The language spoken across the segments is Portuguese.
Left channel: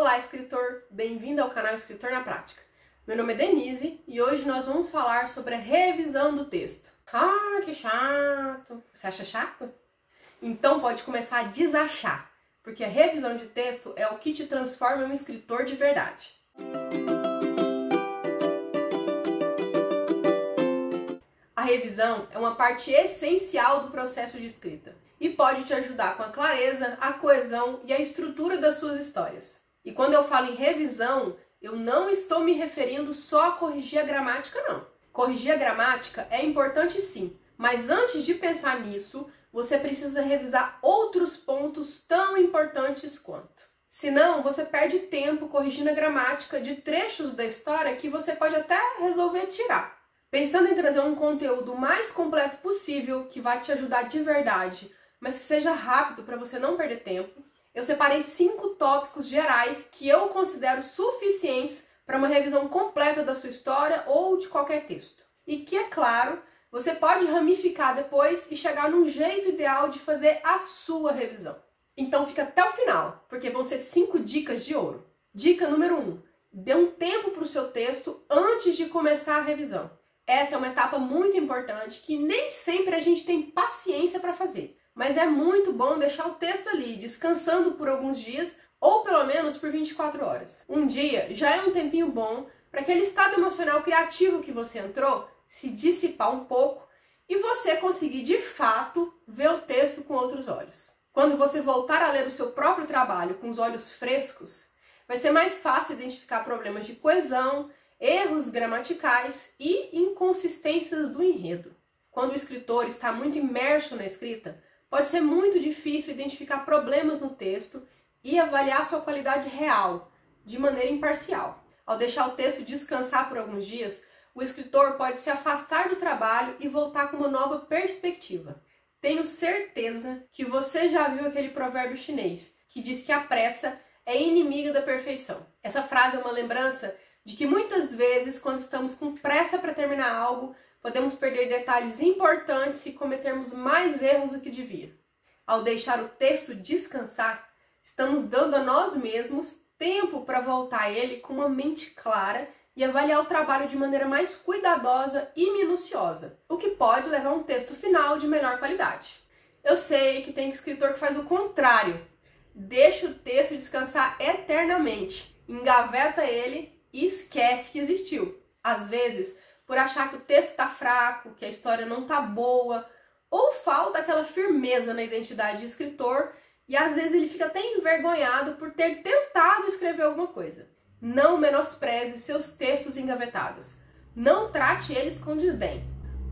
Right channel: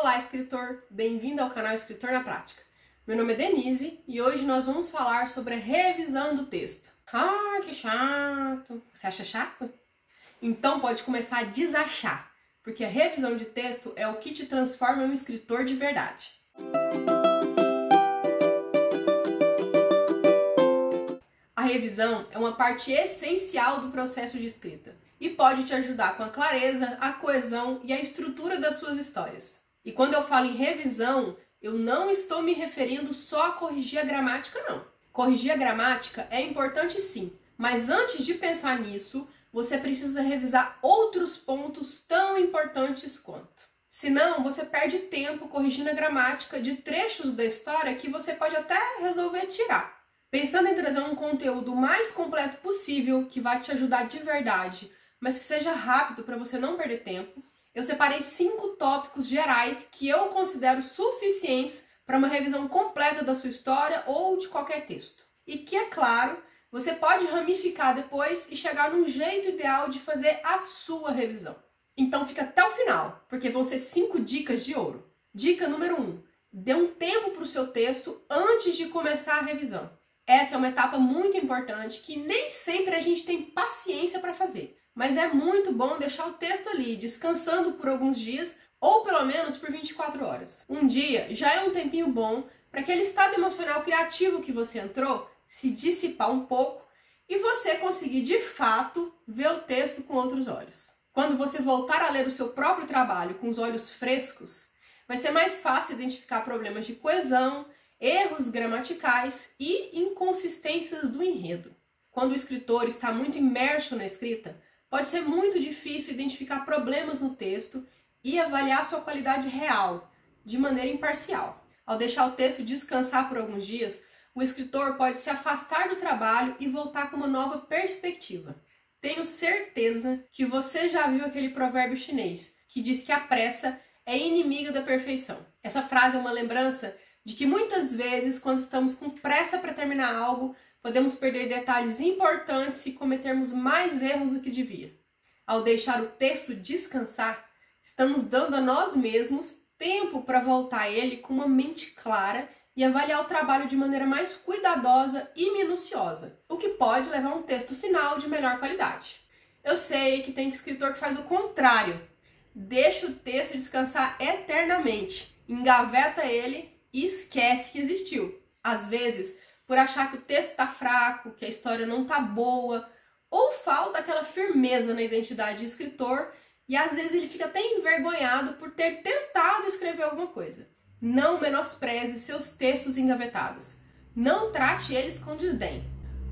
Olá, escritor! Bem-vindo ao canal Escritor na Prática. Meu nome é Denise e hoje nós vamos falar sobre a revisão do texto. Ah, que chato! Você acha chato? Então pode começar a desachar, porque a revisão de texto é o que te transforma em um escritor de verdade. A revisão é uma parte essencial do processo de escrita e pode te ajudar com a clareza, a coesão e a estrutura das suas histórias. E quando eu falo em revisão, eu não estou me referindo só a corrigir a gramática, não. Corrigir a gramática é importante sim, mas antes de pensar nisso, você precisa revisar outros pontos tão importantes quanto. Senão, você perde tempo corrigindo a gramática de trechos da história que você pode até resolver tirar. Pensando em trazer um conteúdo mais completo possível, que vai te ajudar de verdade, mas que seja rápido para você não perder tempo, eu separei 5 tópicos gerais que eu considero suficientes para uma revisão completa da sua história ou de qualquer texto. E que, é claro, você pode ramificar depois e chegar num jeito ideal de fazer a sua revisão. Então fica até o final, porque vão ser 5 dicas de ouro. Dica número 1. Dê um tempo para o seu texto antes de começar a revisão. Essa é uma etapa muito importante que nem sempre a gente tem paciência para fazer. Mas é muito bom deixar o texto ali, descansando por alguns dias ou pelo menos por 24 horas. Um dia já é um tempinho bom para aquele estado emocional criativo que você entrou se dissipar um pouco e você conseguir de fato ver o texto com outros olhos. Quando você voltar a ler o seu próprio trabalho com os olhos frescos, vai ser mais fácil identificar problemas de coesão, erros gramaticais e inconsistências do enredo. Quando o escritor está muito imerso na escrita, pode ser muito difícil identificar problemas no texto e avaliar sua qualidade real, de maneira imparcial. Ao deixar o texto descansar por alguns dias, o escritor pode se afastar do trabalho e voltar com uma nova perspectiva. Tenho certeza que você já viu aquele provérbio chinês que diz que a pressa é inimiga da perfeição. Essa frase é uma lembrança de que muitas vezes, quando estamos com pressa para terminar algo, podemos perder detalhes importantes e cometermos mais erros do que devia. Ao deixar o texto descansar, estamos dando a nós mesmos tempo para voltar a ele com uma mente clara e avaliar o trabalho de maneira mais cuidadosa e minuciosa, o que pode levar a um texto final de melhor qualidade. Eu sei que tem escritor que faz o contrário. Deixa o texto descansar eternamente, engaveta ele e esquece que existiu. Às vezes, por achar que o texto está fraco, que a história não está boa, ou falta aquela firmeza na identidade de escritor, e às vezes ele fica até envergonhado por ter tentado escrever alguma coisa. Não menospreze seus textos engavetados. Não trate eles com desdém.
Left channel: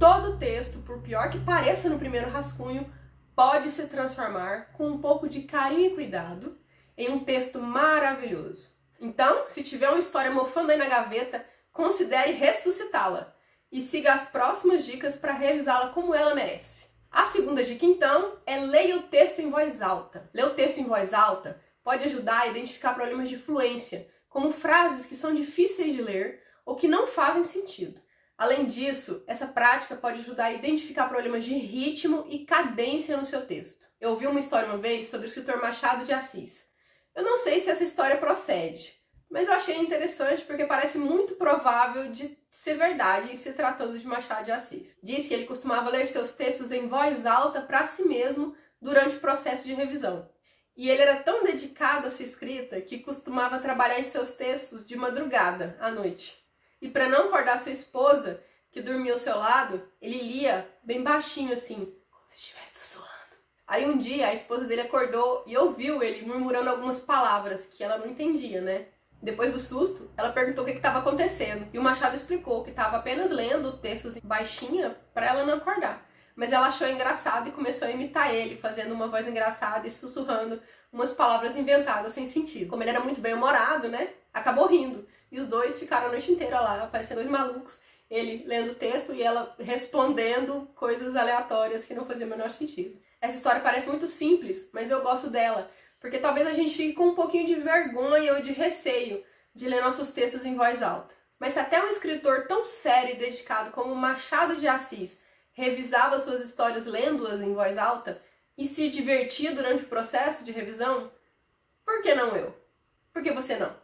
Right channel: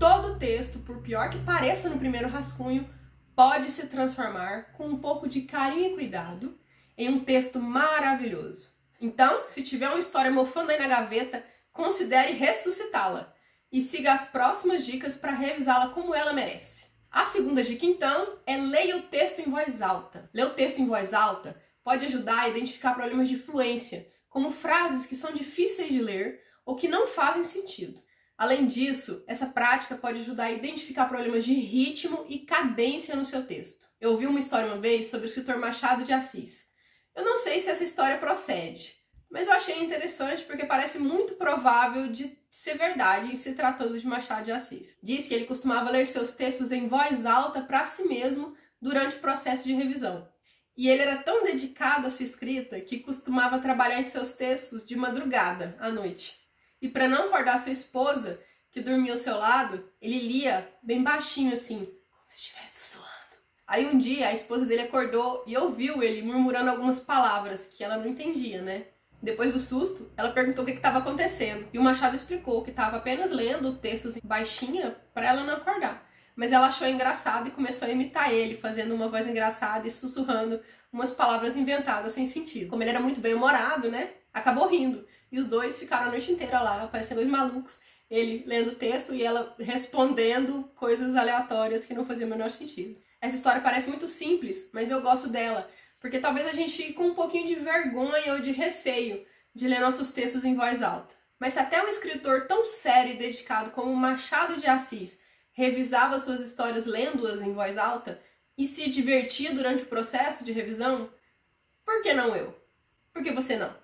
Todo texto, por pior que pareça no primeiro rascunho, pode se transformar, com um pouco de carinho e cuidado, em um texto maravilhoso. Então, se tiver uma história mofando aí na gaveta, considere ressuscitá-la e siga as próximas dicas para revisá-la como ela merece. A segunda dica, então, é leia o texto em voz alta. Ler o texto em voz alta pode ajudar a identificar problemas de fluência, como frases que são difíceis de ler ou que não fazem sentido. Além disso, essa prática pode ajudar a identificar problemas de ritmo e cadência no seu texto. Eu ouvi uma história uma vez sobre o escritor Machado de Assis. Eu não sei se essa história procede, mas eu achei interessante porque parece muito provável de ser verdade em se tratando de Machado de Assis. Diz que ele costumava ler seus textos em voz alta para si mesmo durante o processo de revisão. E ele era tão dedicado à sua escrita que costumava trabalhar em seus textos de madrugada, à noite. E para não acordar sua esposa, que dormia ao seu lado, ele lia bem baixinho assim, como se estivesse sussurrando. Aí um dia a esposa dele acordou e ouviu ele murmurando algumas palavras que ela não entendia, né? Depois do susto, ela perguntou o que estava acontecendo. E o Machado explicou que estava apenas lendo o texto assim, baixinha para ela não acordar. Mas ela achou engraçado e começou a imitar ele, fazendo uma voz engraçada e sussurrando umas palavras inventadas sem sentido. Como ele era muito bem-humorado, né? Acabou rindo. E os dois ficaram a noite inteira lá, parecendo dois malucos. Ele lendo o texto e ela respondendo coisas aleatórias que não faziam o menor sentido. Essa história parece muito simples, mas eu gosto dela, porque talvez a gente fique com um pouquinho de vergonha ou de receio de ler nossos textos em voz alta. Mas se até um escritor tão sério e dedicado como Machado de Assis revisava suas histórias lendo-as em voz alta e se divertia durante o processo de revisão, por que não eu? Por que você não?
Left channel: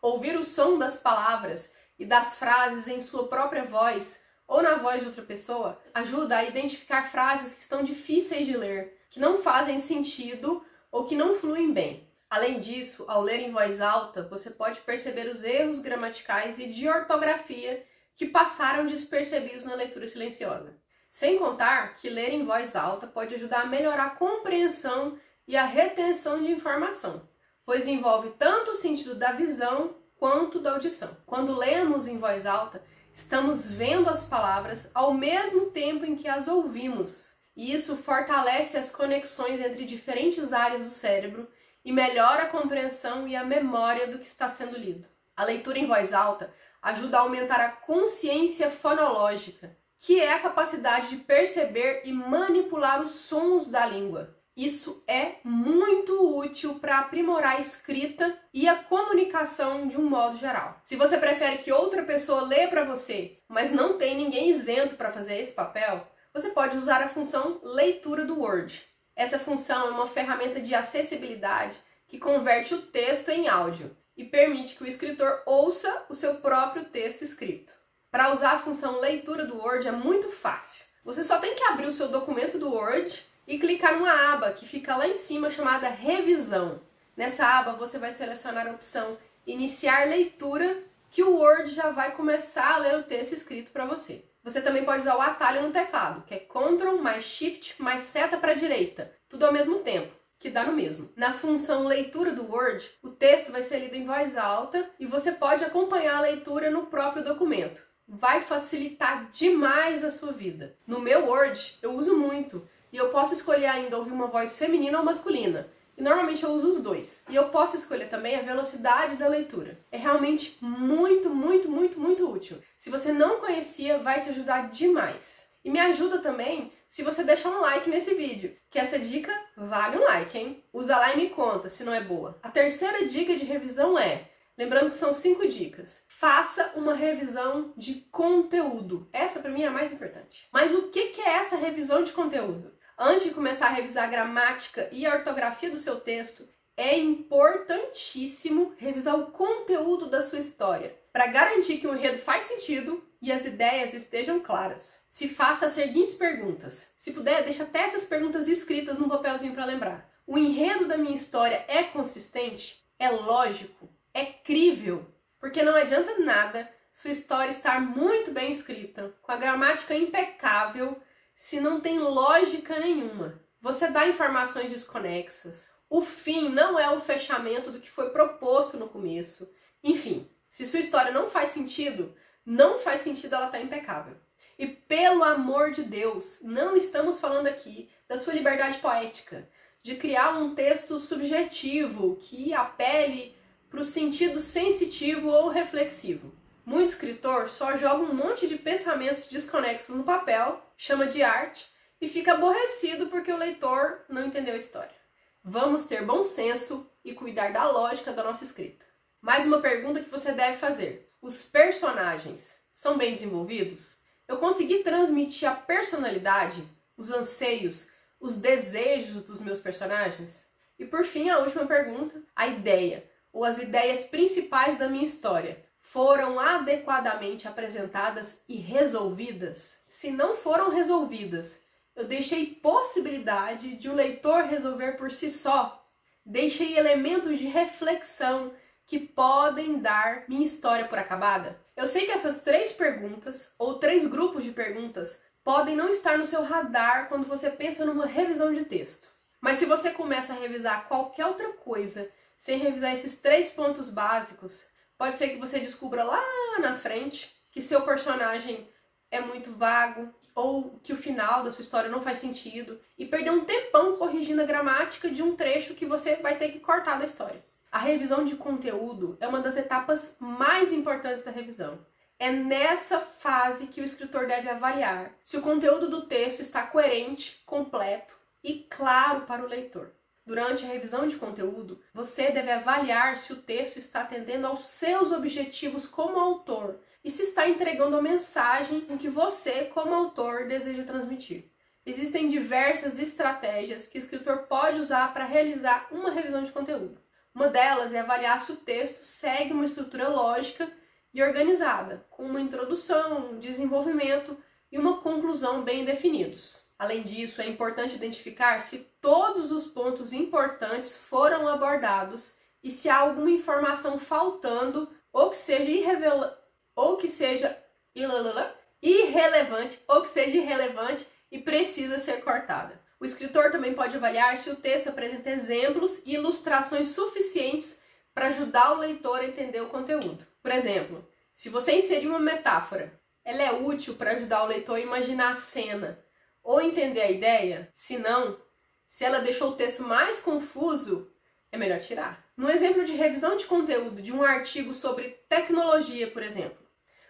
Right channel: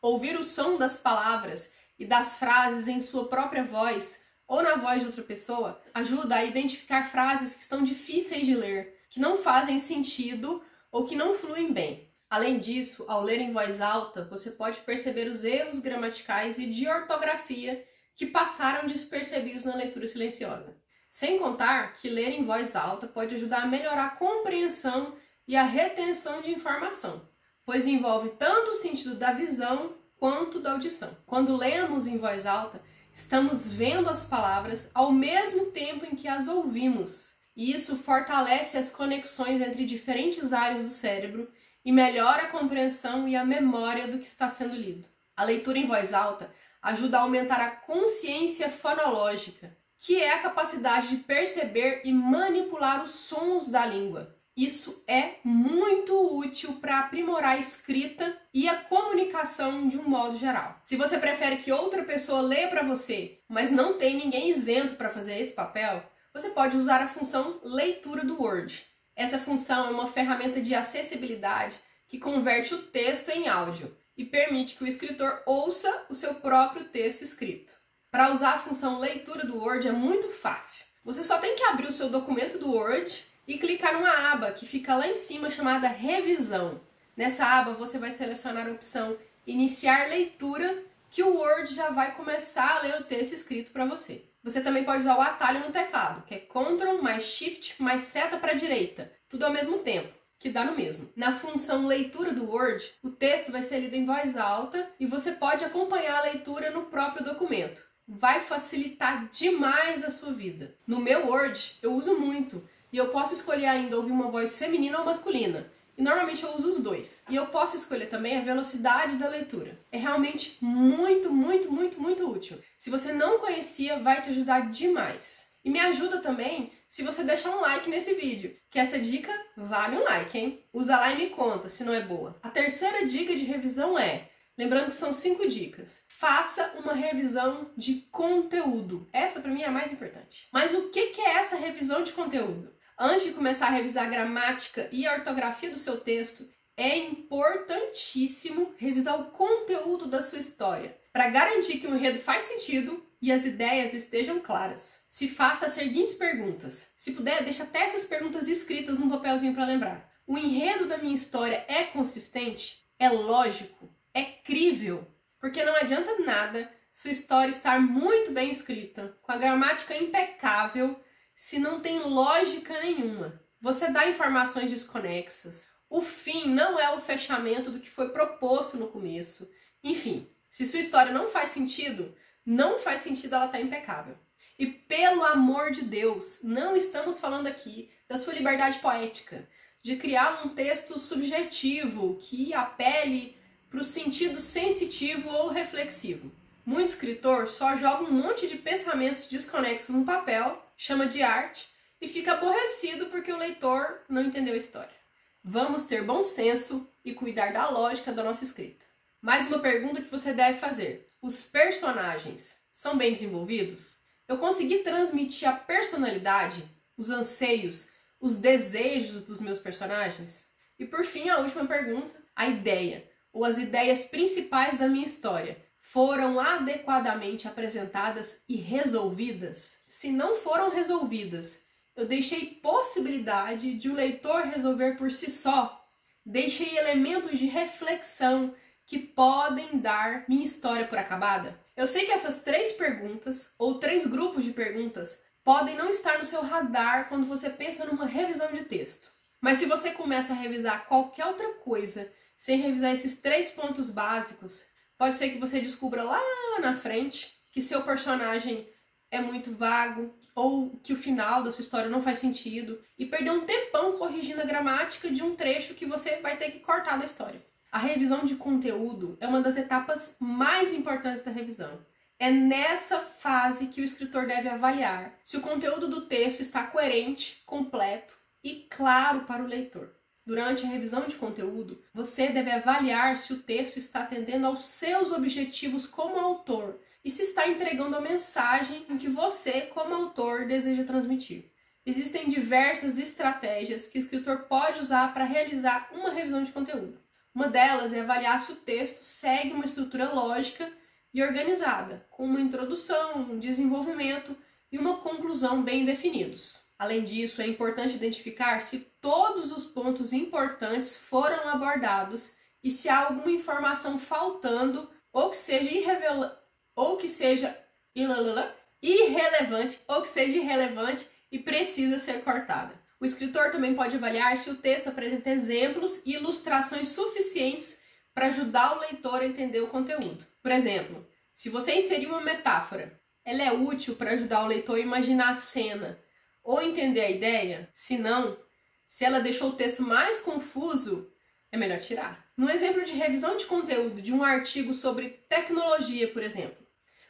Ouvir o som das palavras e das frases em sua própria voz ou na voz de outra pessoa ajuda a identificar frases que estão difíceis de ler, que não fazem sentido ou que não fluem bem. Além disso, ao ler em voz alta, você pode perceber os erros gramaticais e de ortografia que passaram despercebidos na leitura silenciosa. Sem contar que ler em voz alta pode ajudar a melhorar a compreensão e a retenção de informação, pois envolve tanto o sentido da visão quanto da audição. Quando lemos em voz alta, estamos vendo as palavras ao mesmo tempo em que as ouvimos, e isso fortalece as conexões entre diferentes áreas do cérebro e melhora a compreensão e a memória do que está sendo lido. A leitura em voz alta ajuda a aumentar a consciência fonológica, que é a capacidade de perceber e manipular os sons da língua. Isso é muito útil para aprimorar a escrita e a comunicação de um modo geral. Se você prefere que outra pessoa lê para você, mas não tem ninguém isento para fazer esse papel, você pode usar a função leitura do Word. Essa função é uma ferramenta de acessibilidade que converte o texto em áudio e permite que o escritor ouça o seu próprio texto escrito. Para usar a função leitura do Word é muito fácil. Você só tem que abrir o seu documento do Word e clicar numa aba que fica lá em cima chamada Revisão. Nessa aba você vai selecionar a opção Iniciar leitura, que o Word já vai começar a ler o texto escrito para você. Você também pode usar o atalho no teclado, que é Ctrl mais Shift mais seta para a direita, tudo ao mesmo tempo, que dá no mesmo. Na função leitura do Word, o texto vai ser lido em voz alta e você pode acompanhar a leitura no próprio documento. Vai facilitar demais a sua vida. No meu Word, eu uso muito. E eu posso escolher ainda ouvir uma voz feminina ou masculina. E normalmente eu uso os dois. E eu posso escolher também a velocidade da leitura. É realmente muito, muito, muito, muito útil. Se você não conhecia, vai te ajudar demais. E me ajuda também se você deixar um like nesse vídeo, que essa dica vale um like, hein? Usa lá e me conta se não é boa. A terceira dica de revisão é, lembrando que são 5 dicas, faça uma revisão de conteúdo. Essa para mim é a mais importante. Mas o que é essa revisão de conteúdo? Antes de começar a revisar a gramática e a ortografia do seu texto, é importantíssimo revisar o conteúdo da sua história, para garantir que o enredo faz sentido e as ideias estejam claras. Se faça as seguintes perguntas. Se puder, deixa até essas perguntas escritas num papelzinho para lembrar. O enredo da minha história é consistente? É lógico? É crível? Porque não adianta nada sua história estar muito bem escrita, com a gramática impecável, se não tem lógica nenhuma. Você dá informações desconexas. O fim não é o fechamento do que foi proposto no começo. Enfim, se sua história não faz sentido ela estar impecável. E pelo amor de Deus, não estamos falando aqui da sua liberdade poética, de criar um texto subjetivo que apele para o sentido sensitivo ou reflexivo. Muito escritor só joga um monte de pensamentos desconexos no papel, chama de arte e fica aborrecido porque o leitor não entendeu a história. Vamos ter bom senso e cuidar da lógica da nossa escrita. Mais uma pergunta que você deve fazer. Os personagens são bem desenvolvidos? Eu consegui transmitir a personalidade, os anseios, os desejos dos meus personagens? E por fim, a última pergunta, a ideia ou as ideias principais da minha história foram adequadamente apresentadas e resolvidas? Se não foram resolvidas, eu deixei possibilidade de o leitor resolver por si só. Deixei elementos de reflexão que podem dar minha história por acabada. Eu sei que essas 3 perguntas, ou 3 grupos de perguntas, podem não estar no seu radar quando você pensa numa revisão de texto. Mas se você começa a revisar qualquer outra coisa sem revisar esses 3 pontos básicos, pode ser que você descubra lá na frente que seu personagem é muito vago ou que o final da sua história não faz sentido e perder um tempão corrigindo a gramática de um trecho que você vai ter que cortar da história. A revisão de conteúdo é uma das etapas mais importantes da revisão. É nessa fase que o escritor deve avaliar se o conteúdo do texto está coerente, completo e claro para o leitor. Durante a revisão de conteúdo, você deve avaliar se o texto está atendendo aos seus objetivos como autor e se está entregando a mensagem em que você, como autor, deseja transmitir. Existem diversas estratégias que o escritor pode usar para realizar uma revisão de conteúdo. Uma delas é avaliar se o texto segue uma estrutura lógica e organizada, com uma introdução, um desenvolvimento e uma conclusão bem definidos. Além disso, é importante identificar se todos os pontos importantes foram abordados e se há alguma informação faltando ou que seja irrelevante e precisa ser cortada. O escritor também pode avaliar se o texto apresenta exemplos e ilustrações suficientes para ajudar o leitor a entender o conteúdo. Por exemplo, se você inserir uma metáfora, ela é útil para ajudar o leitor a imaginar a cena ou entender a ideia? Se não, se ela deixou o texto mais confuso, é melhor tirar. No exemplo de revisão de conteúdo de um artigo sobre tecnologia, por exemplo,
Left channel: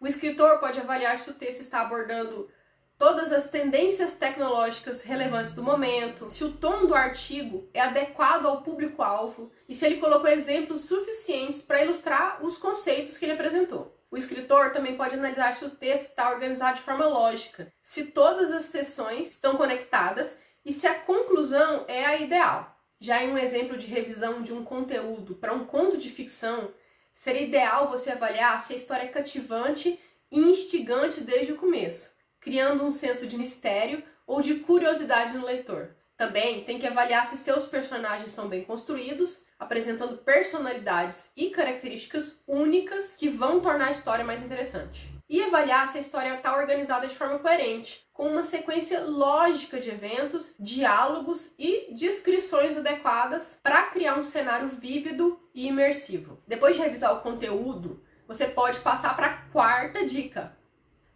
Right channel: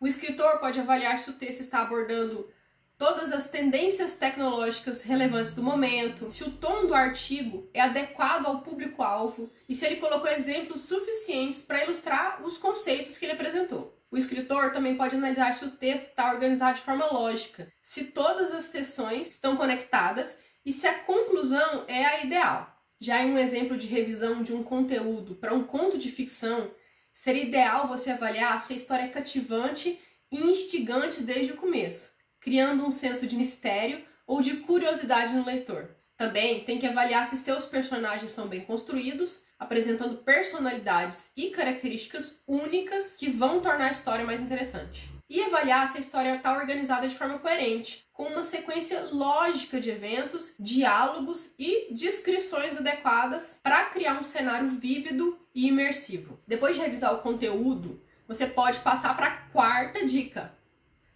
o escritor pode avaliar se o texto está abordando todas as tendências tecnológicas relevantes do momento, se o tom do artigo é adequado ao público-alvo e se ele colocou exemplos suficientes para ilustrar os conceitos que ele apresentou. O escritor também pode analisar se o texto está organizado de forma lógica, se todas as seções estão conectadas e se a conclusão é a ideal. Já em um exemplo de revisão de um conteúdo para um conto de ficção, seria ideal você avaliar se a história é cativante e instigante desde o começo, criando um senso de mistério ou de curiosidade no leitor. Também tem que avaliar se seus personagens são bem construídos, apresentando personalidades e características únicas que vão tornar a história mais interessante. E avaliar se a história está organizada de forma coerente, com uma sequência lógica de eventos, diálogos e descrições adequadas para criar um cenário vívido e imersivo. Depois de revisar o conteúdo, você pode passar para a quarta dica.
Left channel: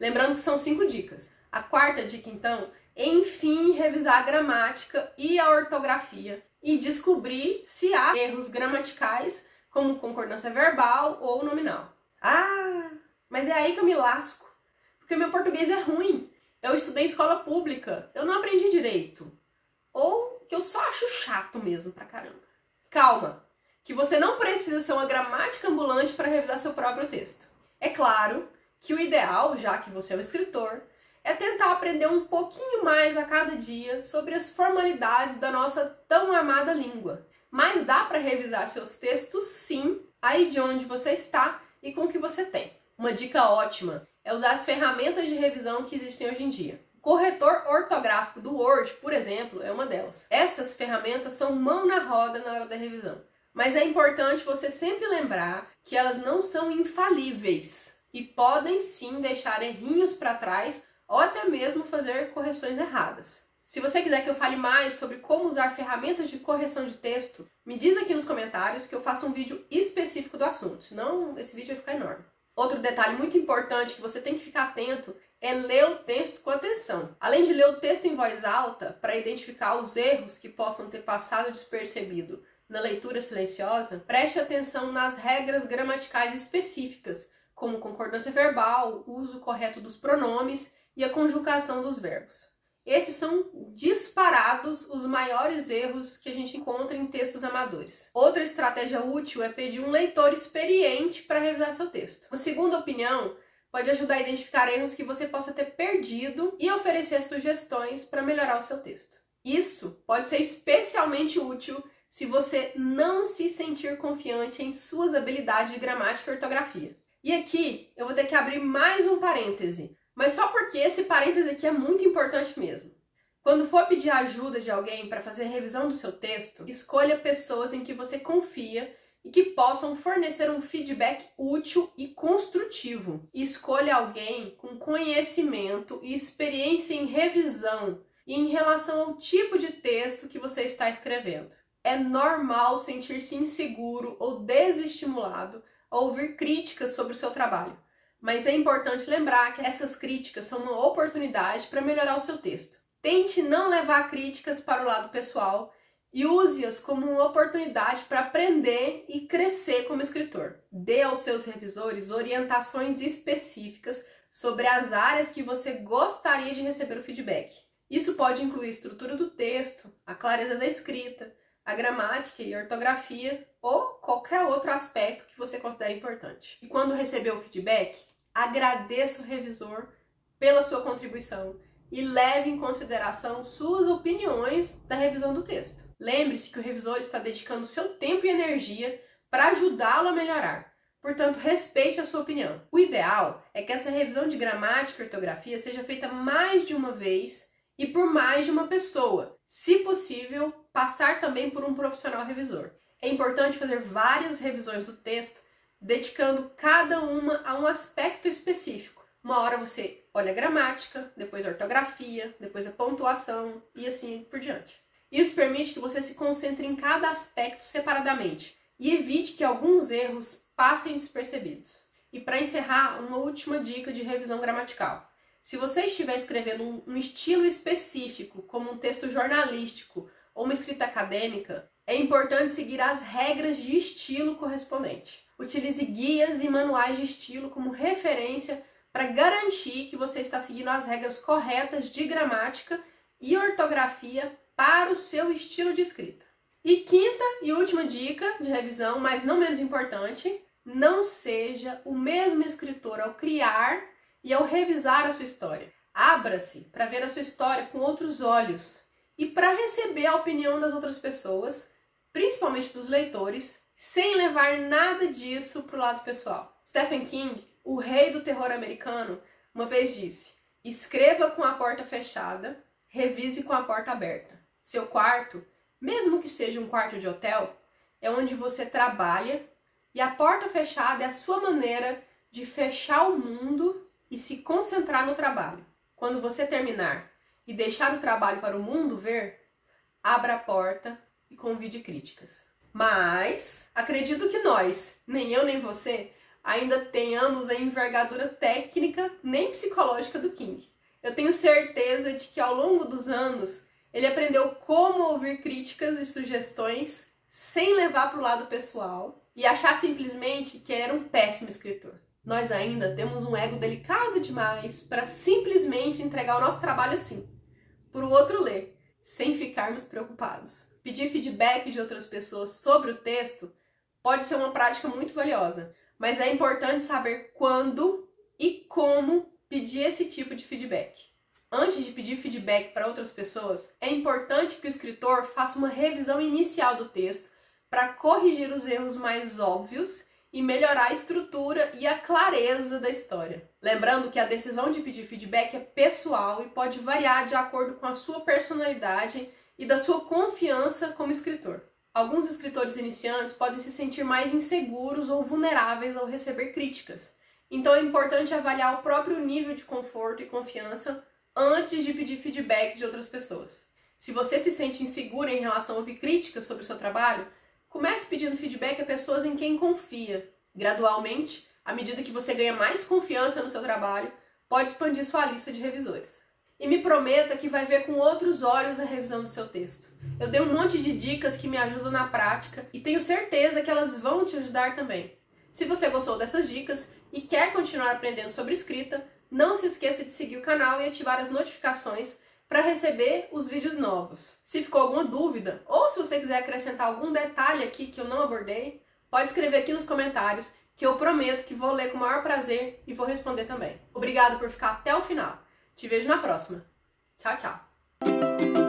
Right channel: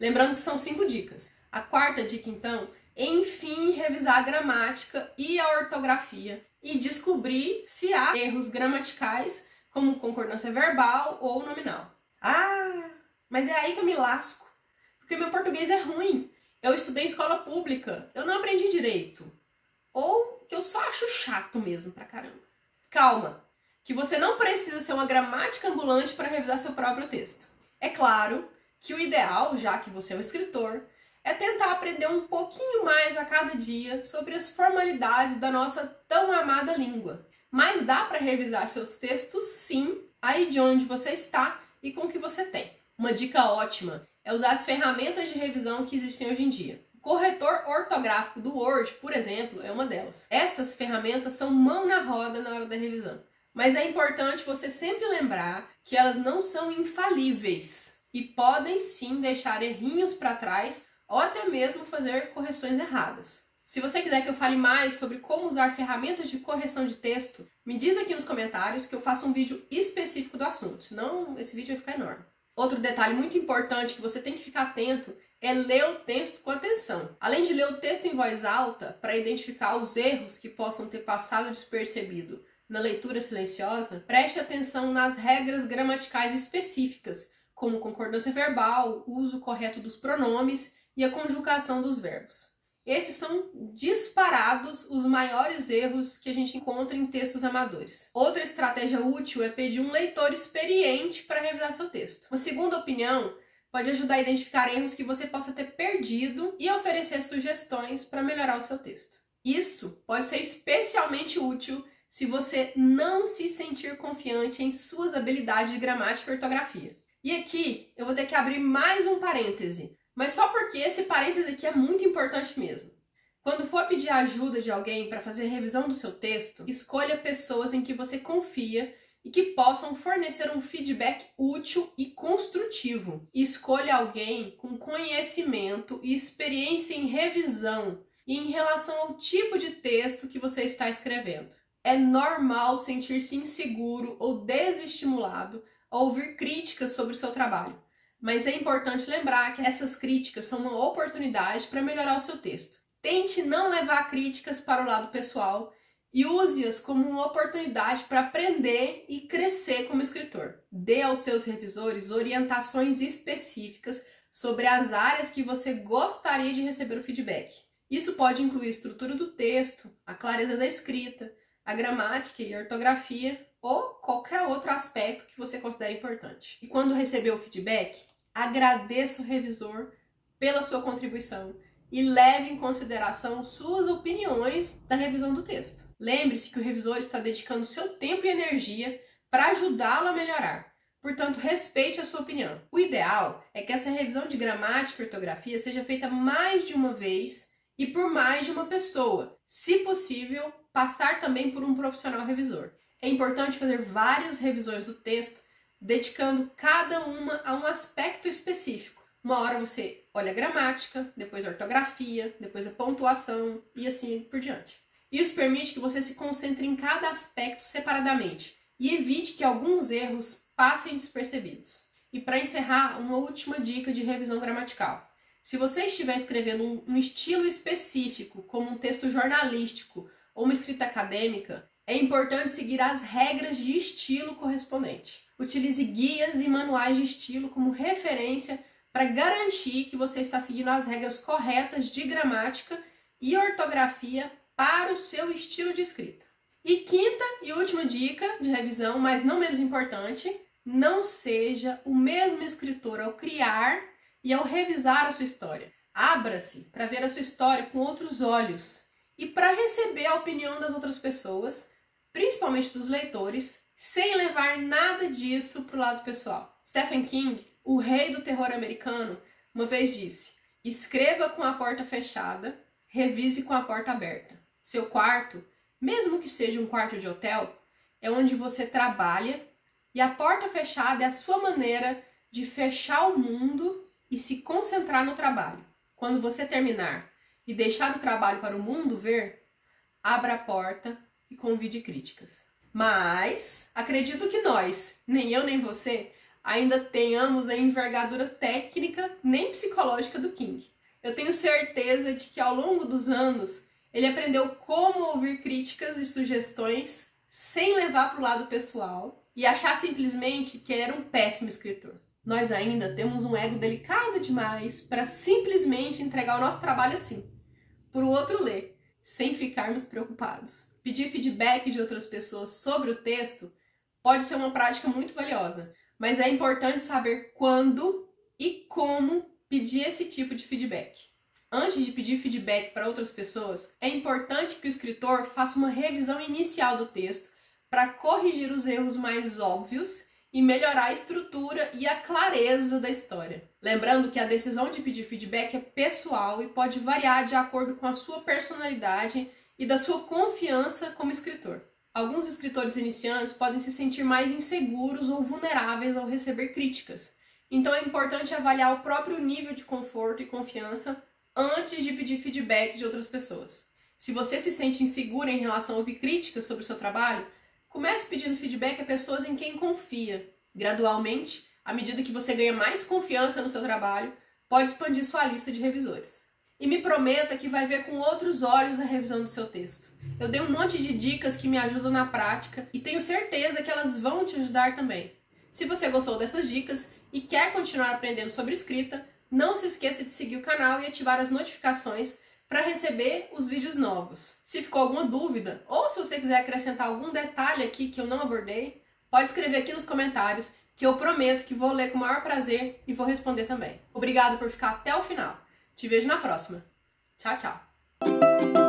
Lembrando que são 5 dicas. A quarta dica, então, é, enfim, revisar a gramática e a ortografia e descobrir se há erros gramaticais, como concordância verbal ou nominal. Ah, mas é aí que eu me lasco, porque meu português é ruim. Eu estudei em escola pública, eu não aprendi direito. Ou que eu só acho chato mesmo pra caramba. Calma, que você não precisa ser uma gramática ambulante para revisar seu próprio texto. É claro que o ideal, já que você é um escritor, é tentar aprender um pouquinho mais a cada dia sobre as formalidades da nossa tão amada língua. Mas dá para revisar seus textos sim, aí de onde você está e com o que você tem. Uma dica ótima é usar as ferramentas de revisão que existem hoje em dia. O corretor ortográfico do Word, por exemplo, é uma delas. Essas ferramentas são mão na roda na hora da revisão. Mas é importante você sempre lembrar que elas não são infalíveis e podem sim deixar errinhos para trás ou até mesmo fazer correções erradas. Se você quiser que eu fale mais sobre como usar ferramentas de correção de texto, me diz aqui nos comentários que eu faço um vídeo específico do assunto, senão esse vídeo vai ficar enorme. Outro detalhe muito importante que você tem que ficar atento é ler o texto com atenção. Além de ler o texto em voz alta, para identificar os erros que possam ter passado despercebido na leitura silenciosa, preste atenção nas regras gramaticais específicas, como concordância verbal, o uso correto dos pronomes e a conjugação dos verbos. Esses são disparados os maiores erros que a gente encontra em textos amadores. Outra estratégia útil é pedir um leitor experiente para revisar seu texto. Uma segunda opinião pode ajudar a identificar erros que você possa ter perdido e oferecer sugestões para melhorar o seu texto. Isso pode ser especialmente útil se você não se sentir confiante em suas habilidades de gramática e ortografia. E aqui eu vou ter que abrir mais um parêntese, mas só porque esse parêntese aqui é muito importante mesmo. Quando for pedir ajuda de alguém para fazer revisão do seu texto, escolha pessoas em que você confia e que possam fornecer um feedback útil e construtivo. Escolha alguém com conhecimento e experiência em revisão e em relação ao tipo de texto que você está escrevendo. É normal sentir-se inseguro ou desestimulado ao ouvir críticas sobre o seu trabalho, mas é importante lembrar que essas críticas são uma oportunidade para melhorar o seu texto. Tente não levar críticas para o lado pessoal e use-as como uma oportunidade para aprender e crescer como escritor. Dê aos seus revisores orientações específicas sobre as áreas que você gostaria de receber o feedback. Isso pode incluir a estrutura do texto, a clareza da escrita, a gramática e a ortografia ou qualquer outro aspecto que você considere importante. E quando receber o feedback, agradeça o revisor pela sua contribuição e leve em consideração suas opiniões da revisão do texto. Lembre-se que o revisor está dedicando seu tempo e energia para ajudá-lo a melhorar. Portanto, respeite a sua opinião. O ideal é que essa revisão de gramática e ortografia seja feita mais de uma vez e por mais de uma pessoa. Se possível, passar também por um profissional revisor. É importante fazer várias revisões do texto, dedicando cada uma a um aspecto específico. Uma hora você olha a gramática, depois a ortografia, depois a pontuação e assim por diante. Isso permite que você se concentre em cada aspecto separadamente e evite que alguns erros passem despercebidos. E para encerrar, uma última dica de revisão gramatical. Se você estiver escrevendo um estilo específico, como um texto jornalístico ou uma escrita acadêmica, é importante seguir as regras de estilo correspondente. Utilize guias e manuais de estilo como referência para garantir que você está seguindo as regras corretas de gramática e ortografia para o seu estilo de escrita. E quinta e última dica de revisão, mas não menos importante, não seja o mesmo escritor ao criar e ao revisar a sua história. Abra-se para ver a sua história com outros olhos e para receber a opinião das outras pessoas, principalmente dos leitores, sem levar nada disso para o lado pessoal. Stephen King, o rei do terror americano, uma vez disse: escreva com a porta fechada, revise com a porta aberta. Seu quarto, mesmo que seja um quarto de hotel, é onde você trabalha e a porta fechada é a sua maneira de fechar o mundo e se concentrar no trabalho. Quando você terminar e deixar o trabalho para o mundo ver, abra a porta e convide críticas. Mas acredito que nós, nem eu nem você, ainda tenhamos a envergadura técnica nem psicológica do King. Eu tenho certeza de que ao longo dos anos ele aprendeu como ouvir críticas e sugestões sem levar para o lado pessoal e achar simplesmente que ele era um péssimo escritor. Nós ainda temos um ego delicado demais para simplesmente entregar o nosso trabalho assim, para o outro ler, sem ficarmos preocupados. Pedir feedback de outras pessoas sobre o texto pode ser uma prática muito valiosa, mas é importante saber quando e como pedir esse tipo de feedback. Antes de pedir feedback para outras pessoas, é importante que o escritor faça uma revisão inicial do texto para corrigir os erros mais óbvios e melhorar a estrutura e a clareza da história. Lembrando que a decisão de pedir feedback é pessoal e pode variar de acordo com a sua personalidade e da sua confiança como escritor. Alguns escritores iniciantes podem se sentir mais inseguros ou vulneráveis ao receber críticas. Então é importante avaliar o próprio nível de conforto e confiança antes de pedir feedback de outras pessoas. Se você se sente inseguro em relação a ouvir críticas sobre o seu trabalho, comece pedindo feedback a pessoas em quem confia. Gradualmente, à medida que você ganha mais confiança no seu trabalho, pode expandir sua lista de revisores. E me prometa que vai ver com outros olhos a revisão do seu texto. Eu dei um monte de dicas que me ajudam na prática e tenho certeza que elas vão te ajudar também. Se você gostou dessas dicas e quer continuar aprendendo sobre escrita, não se esqueça de seguir o canal e ativar as notificações para receber os vídeos novos. Se ficou alguma dúvida ou se você quiser acrescentar algum detalhe aqui que eu não abordei, pode escrever aqui nos comentários que eu prometo que vou ler com o maior prazer e vou responder também. Obrigado por ficar até o final. Te vejo na próxima. Tchau, tchau!